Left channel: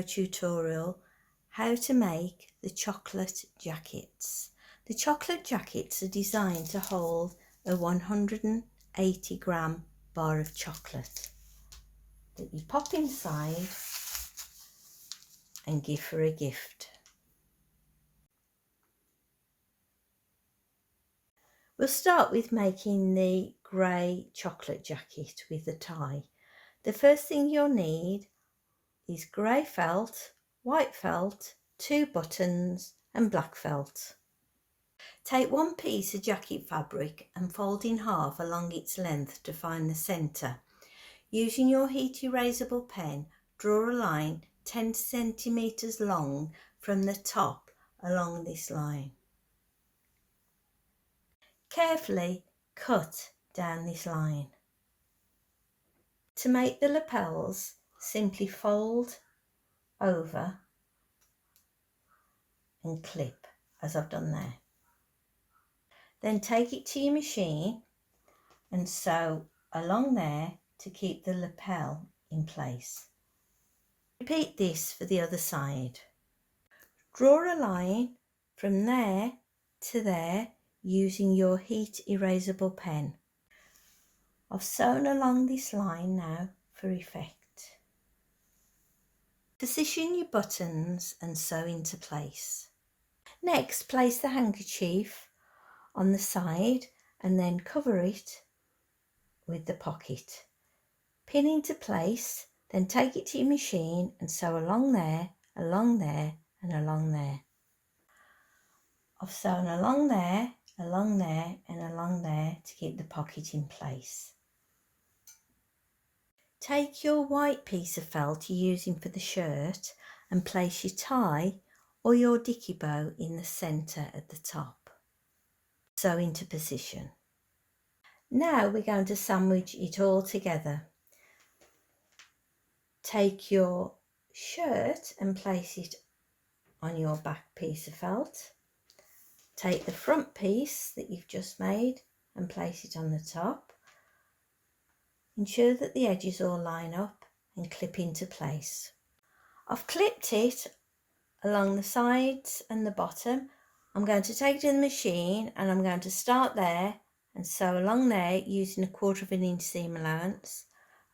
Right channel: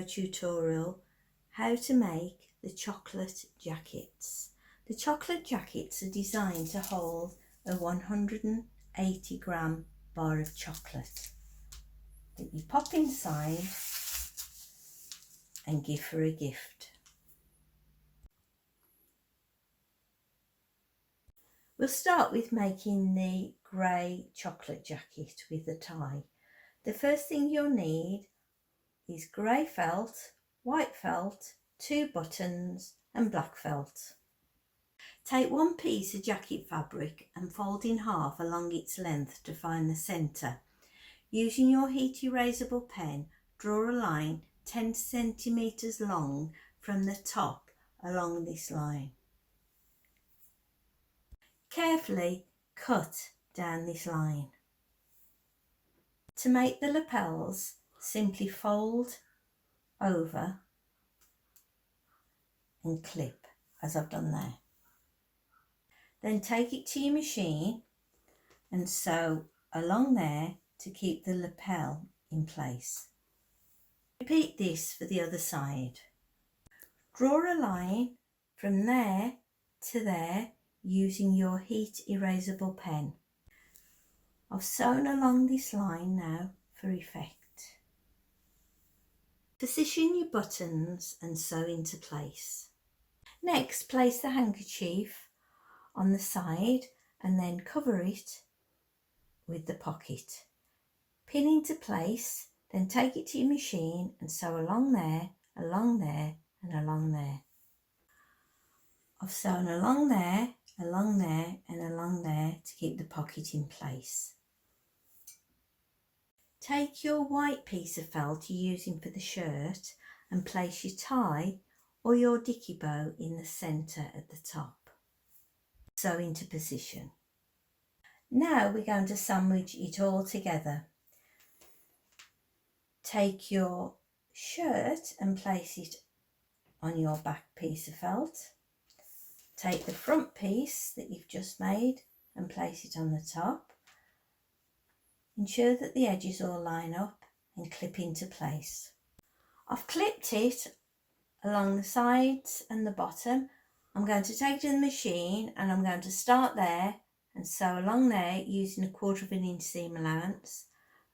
video tutorial how to make the chocolate jackets. The chocolate jackets are designed to hold a 180 gram bar of chocolate that you pop inside and give for a gift. We'll start with making the grey chocolate jacket with the tie. The first thing you'll need is grey felt, white felt, 2 buttons and black felt. Take one piece of jacket fabric and fold in half along its length to find the centre. Using your heat erasable pen, draw a line 10 centimetres long from the top along this line. Carefully cut down this line. To make the lapels, simply fold over and clip as I've done there. Then take it to your machine and sew along there to keep the lapel in place. Repeat this for the other side. Draw a line from there to there using your heat erasable pen. I've sewn along this line now for effect. Position your buttons and sew into place. Next, place the handkerchief on the side and then cover it with the pocket. Pin into place, then take it to your machine and sew along there and along there. I've sewn along there and along there to keep the pocket in place. Take your white piece of felt you're using for the shirt and place your tie or your dicky bow in the centre at the top. Sew into position. Now we're going to sandwich it all together. Take your shirt and place it on your back piece of felt. Take the front piece that you've just made and place it on the top. Ensure that the edges all line up and clip into place. I've clipped it along the sides and the bottom. I'm going to take it to the machine and I'm going to start there and sew along there using 1/4 inch seam allowance,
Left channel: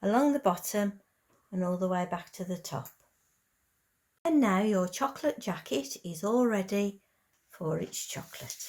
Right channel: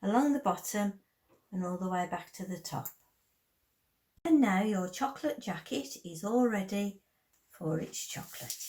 along the bottom and all the way back to the top. And now your chocolate jacket is all ready for its chocolate.